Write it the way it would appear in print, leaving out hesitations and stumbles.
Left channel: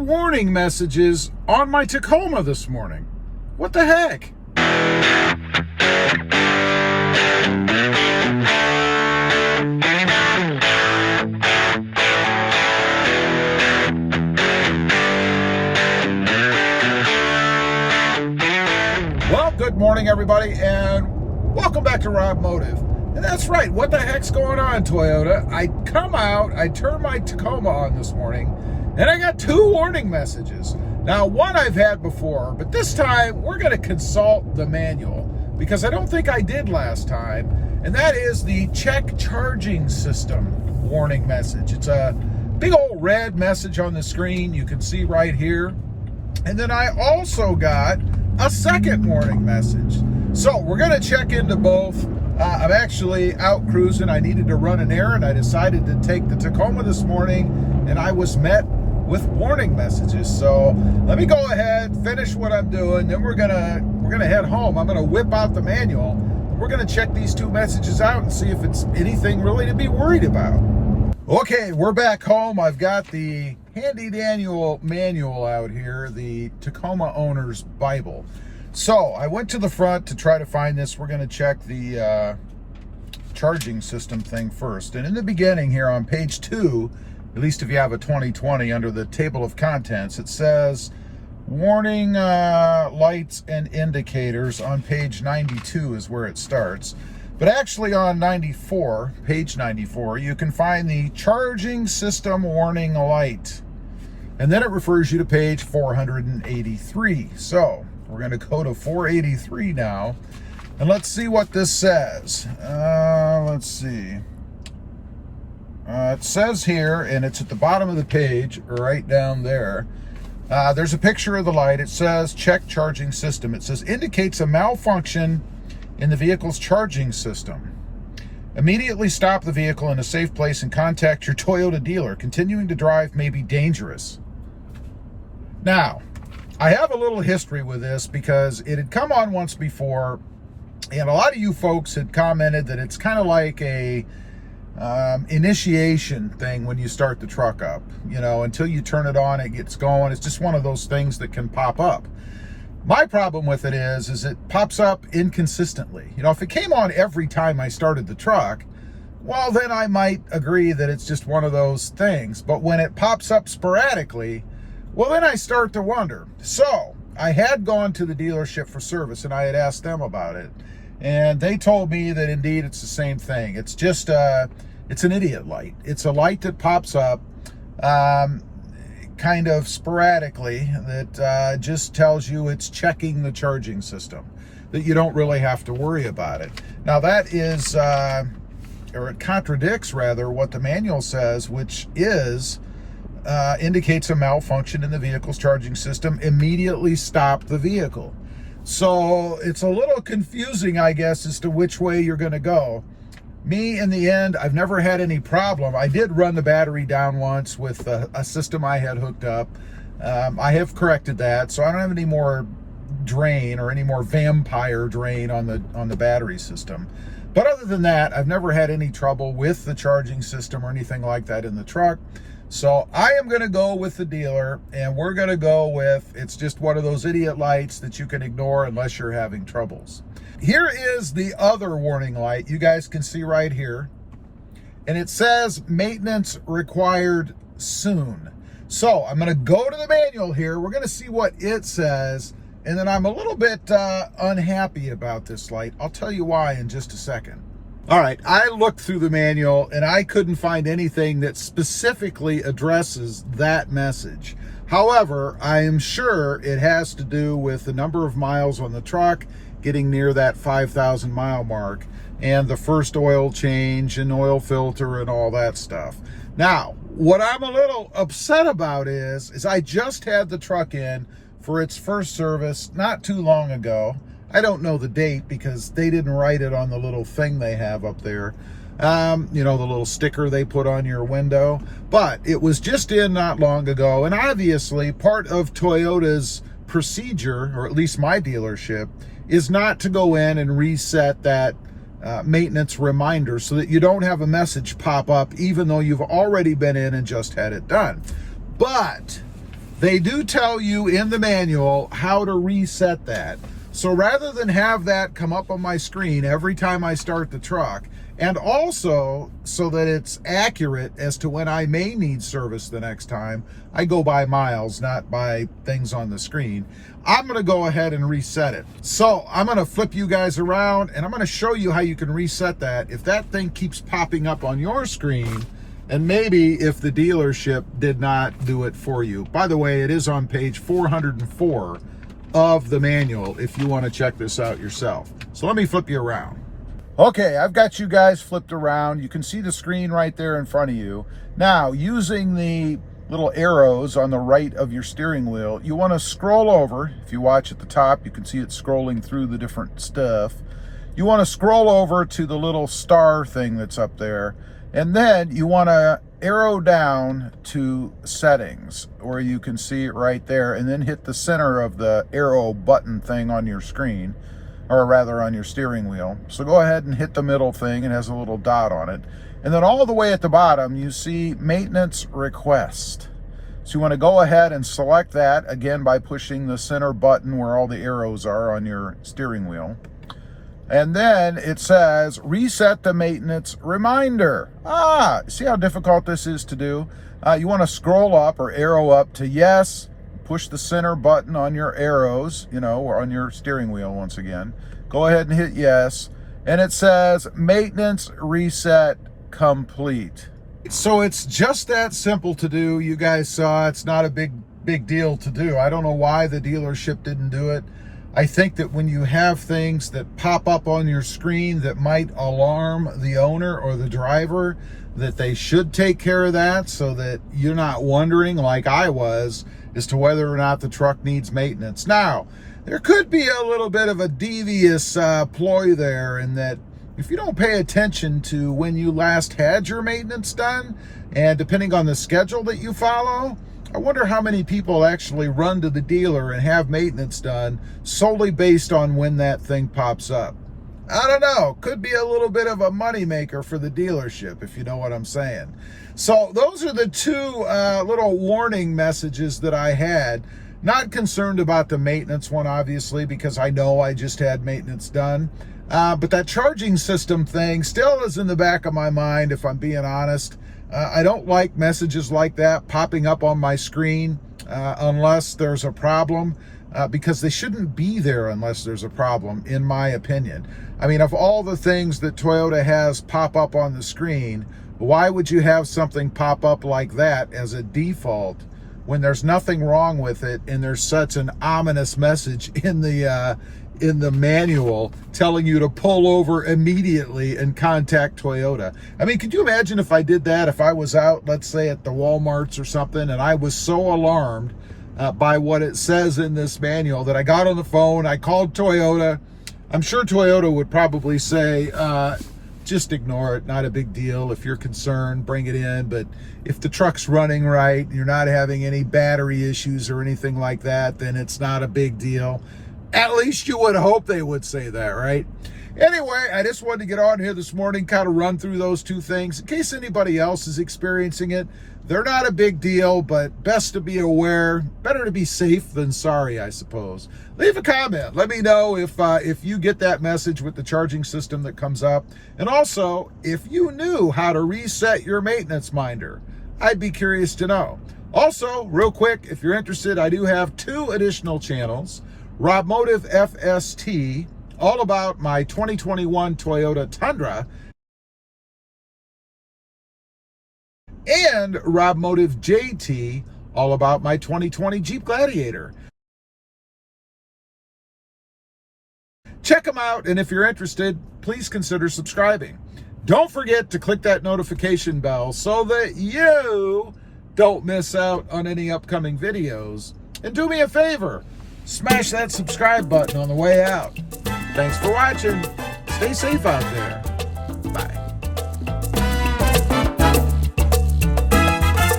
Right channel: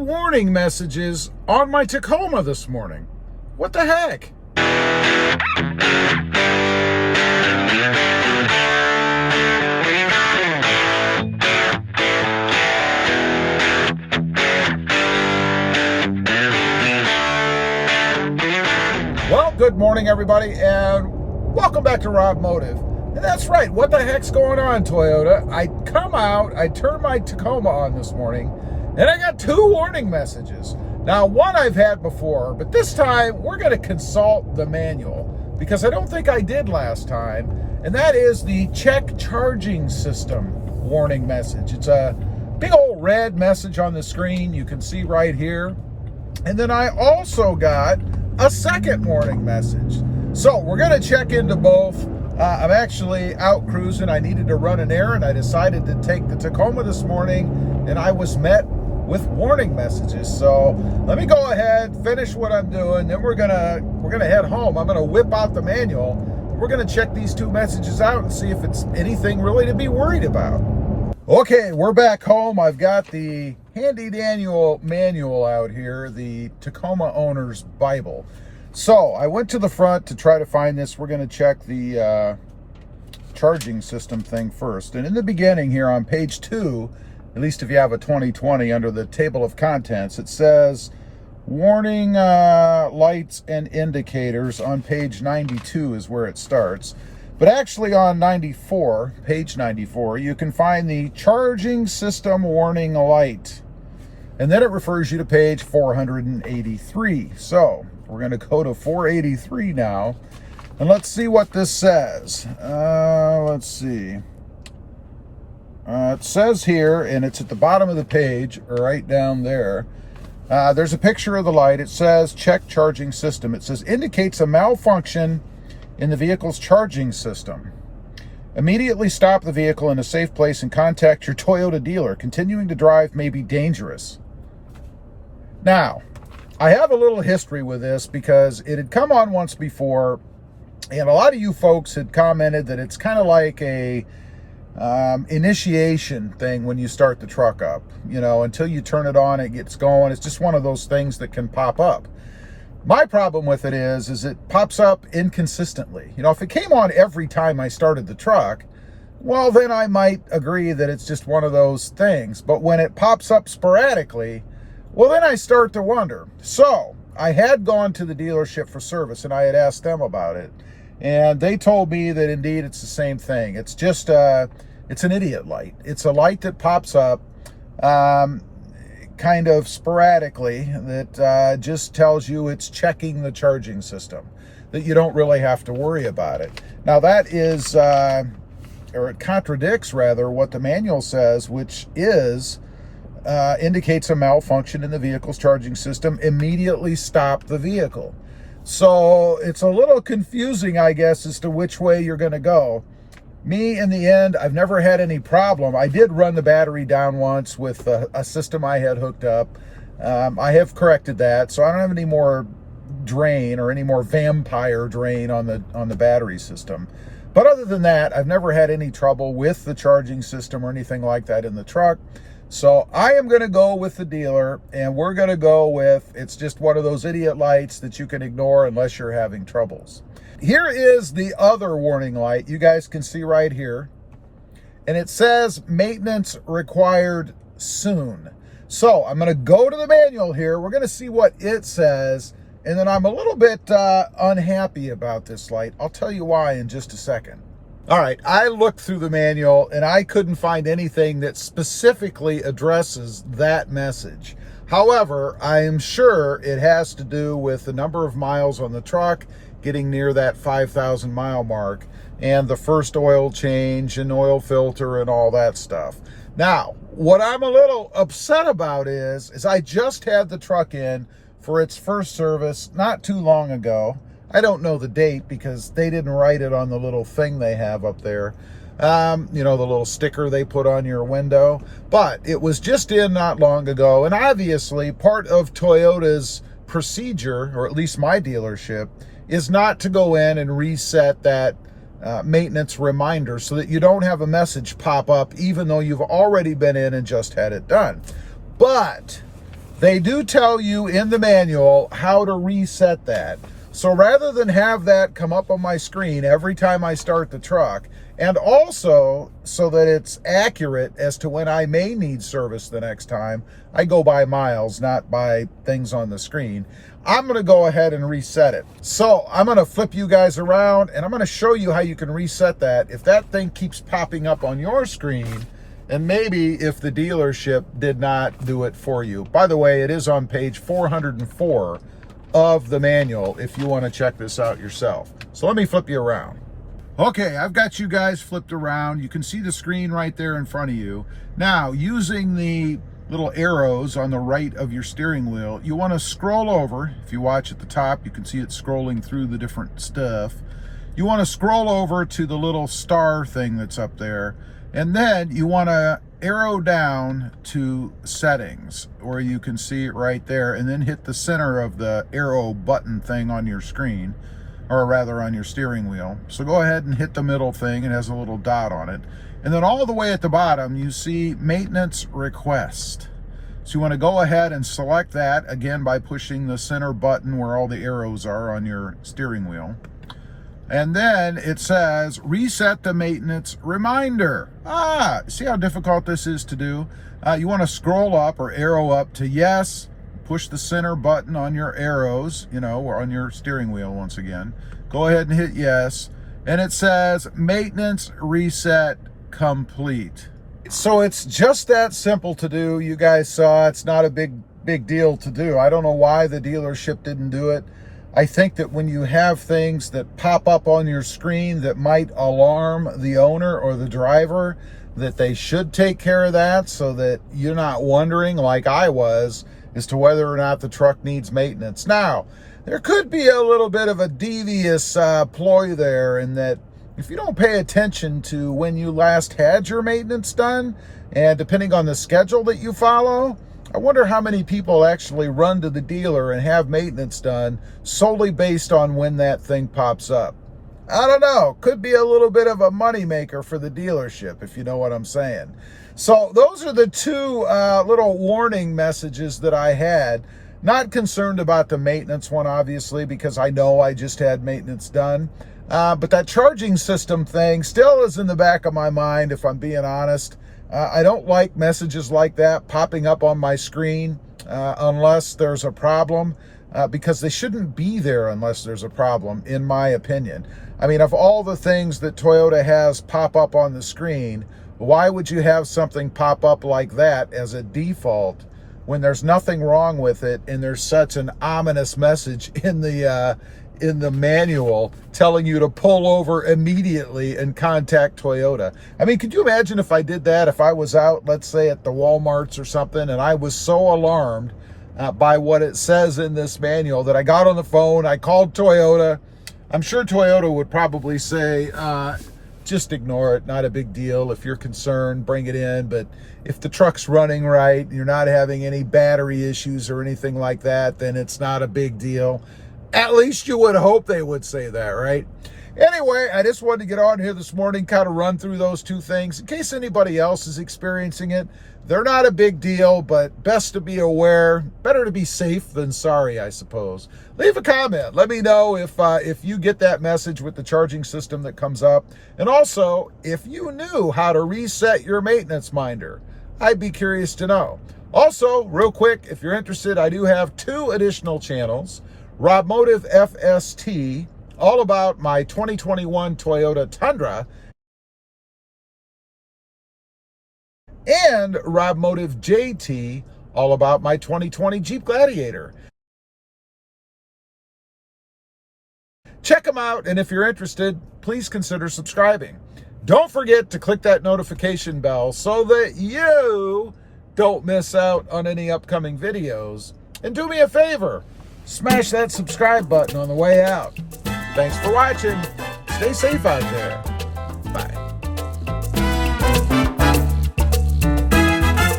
warning messages on my Tacoma this morning. What the heck? Well, good morning, everybody, and welcome back to RobMotive. And that's right, what the heck's going on, Toyota? I come out, I turn my Tacoma on this morning, and I got two warning messages. Now, one I've had before, but this time we're going to consult the manual because I don't think I did last time, and that is the check charging system warning message. It's a big old red message on the screen you can see right here. And then I also got a second warning message. So we're going to check into both. I'm actually out cruising. I needed to run an errand. I decided to take the Tacoma this morning, and I was met with warning messages. So let me go ahead, finish what I'm doing, then we're gonna head home. I'm gonna whip out the manual. We're gonna check these two messages out and see if it's anything really to be worried about. Okay, we're back home. I've got the handy manual out here, the Tacoma Owner's Bible. So I went to the front to try to find this. We're gonna check the charging system thing first. And in the beginning here on page 2, at least if you have a 2020, under the table of contents, it says warning lights and indicators on page 92 is where it starts. But actually on 94, page 94, you can find the charging system warning light. And then it refers you to page 483. So we're going to go to 483 now. And let's see what this says. Let's see. It says here, and it's at the bottom of the page, right down there. There's a picture of the light. It says check charging system. It says indicates a malfunction in the vehicle's charging system. Immediately stop the vehicle in a safe place and contact your Toyota dealer. Continuing to drive may be dangerous. Now, I have a little history with this because it had come on once before, and a lot of you folks had commented that it's kind of like a initiation thing when you start the truck up. You know, until you turn it on, it gets going. It's just one of those things that can pop up. My problem with it is it pops up inconsistently. You know, if it came on every time I started the truck, well, then I might agree that it's just one of those things. But when it pops up sporadically, well, then I start to wonder. So I had gone to the dealership for service and I had asked them about it. And they told me that indeed it's the same thing. It's just it's an idiot light. It's a light that pops up kind of sporadically that just tells you it's checking the charging system, that you don't really have to worry about it. Now that is, or it contradicts rather what the manual says, which is indicates a malfunction in the vehicle's charging system. Immediately stop the vehicle. So it's a little confusing, I guess, as to which way you're going to go. Me, in the end, I've never had any problem. I did run the battery down once with a system I had hooked up. I have corrected that, so I don't have any more drain or any more vampire drain on the battery system. But other than that, I've never had any trouble with the charging system or anything like that in the truck. So I am going to go with the dealer, and we're going to go with, it's just one of those idiot lights that you can ignore unless you're having troubles. Here is the other warning light you guys can see right here. And it says maintenance required soon. So I'm going to go to the manual here. We're going to see what it says. And then I'm a little bit unhappy about this light. I'll tell you why in just a second. All right, I looked through the manual and I couldn't find anything that specifically addresses that message. However, I am sure it has to do with the number of miles on the truck, getting near that 5,000 mile mark, and the first oil change and oil filter and all that stuff. Now, what I'm a little upset about is I just had the truck in for its first service not too long ago. I don't know the date because they didn't write it on the little thing they have up there. You know, the little sticker they put on your window. But it was just in not long ago. And obviously part of Toyota's procedure, or at least my dealership, is not to go in and reset that maintenance reminder so that you don't have a message pop up even though you've already been in and just had it done. But they do tell you in the manual how to reset that. So rather than have that come up on my screen every time I start the truck, and also so that it's accurate as to when I may need service the next time, I go by miles, not by things on the screen. I'm gonna go ahead and reset it. So I'm gonna flip you guys around and I'm gonna show you how you can reset that if that thing keeps popping up on your screen, and maybe if the dealership did not do it for you. By the way, it is on page 404 of the manual if you wanna check this out yourself. So let me flip you around. Okay, I've got you guys flipped around. You can see the screen right there in front of you. Now, using the little arrows on the right of your steering wheel, you want to scroll over. If you watch at the top, you can see it scrolling through the different stuff. You want to scroll over to the little star thing that's up there, and then you want to arrow down to settings, where you can see it right there, and then hit the center of the arrow button thing on your screen, or rather on your steering wheel. So go ahead and hit the middle thing. It has a little dot on it. And then all the way at the bottom, you see maintenance request. So you want to go ahead and select that, again, by pushing the center button where all the arrows are on your steering wheel. And then it says, reset the maintenance reminder. See how difficult this is to do? You want to scroll up or arrow up to yes, push the center button on your arrows, or on your steering wheel once again. Go ahead and hit yes. And it says maintenance reset complete. So it's just that simple to do. You guys saw it's not a big deal to do. I don't know why the dealership didn't do it. I think that when you have things that pop up on your screen that might alarm the owner or the driver, that they should take care of that so that you're not wondering, like I was, as to whether or not the truck needs maintenance. Now, there could be a little bit of a devious ploy there, in that if you don't pay attention to when you last had your maintenance done, and depending on the schedule that you follow, I wonder how many people actually run to the dealer and have maintenance done solely based on when that thing pops up. I don't know. Could be a little bit of a moneymaker for the dealership, if you know what I'm saying. So those are the two little warning messages that I had. Not concerned about the maintenance one, obviously, because I know I just had maintenance done. But that charging system thing still is in the back of my mind, if I'm being honest. I don't like messages like that popping up on my screen unless there's a problem, because they shouldn't be there unless there's a problem, in my opinion. I mean, of all the things that Toyota has pop up on the screen, why would you have something pop up like that as a default when there's nothing wrong with it and there's such an ominous message in the manual telling you to pull over immediately and contact Toyota? I mean, could you imagine if I did that, if I was out, let's say at the Walmarts or something, and I was so alarmed by what it says in this manual that I got on the phone, I called Toyota. I'm sure Toyota would probably say, just ignore it, not a big deal. If you're concerned, bring it in. But if the truck's running right, you're not having any battery issues or anything like that, then it's not a big deal. At least you would hope they would say that, right? Anyway, I just wanted to get on here this morning, kind of run through those two things in case anybody else is experiencing it. They're not a big deal, but best to be aware. Better to be safe than sorry, I suppose. Leave a comment. Let me know if you get that message with the charging system that comes up. And also, if you knew how to reset your maintenance minder, I'd be curious to know. Also, real quick, if you're interested, I do have 2 additional channels. RobMotive FST, all about my 2021 Toyota Tundra, and RobMotive JT, all about my 2020 Jeep Gladiator. Check them out, and if you're interested, please consider subscribing. Don't forget to click that notification bell so that you don't miss out on any upcoming videos. And do me a favor, smash that subscribe button on the way out. Thanks for watching. Stay safe out there.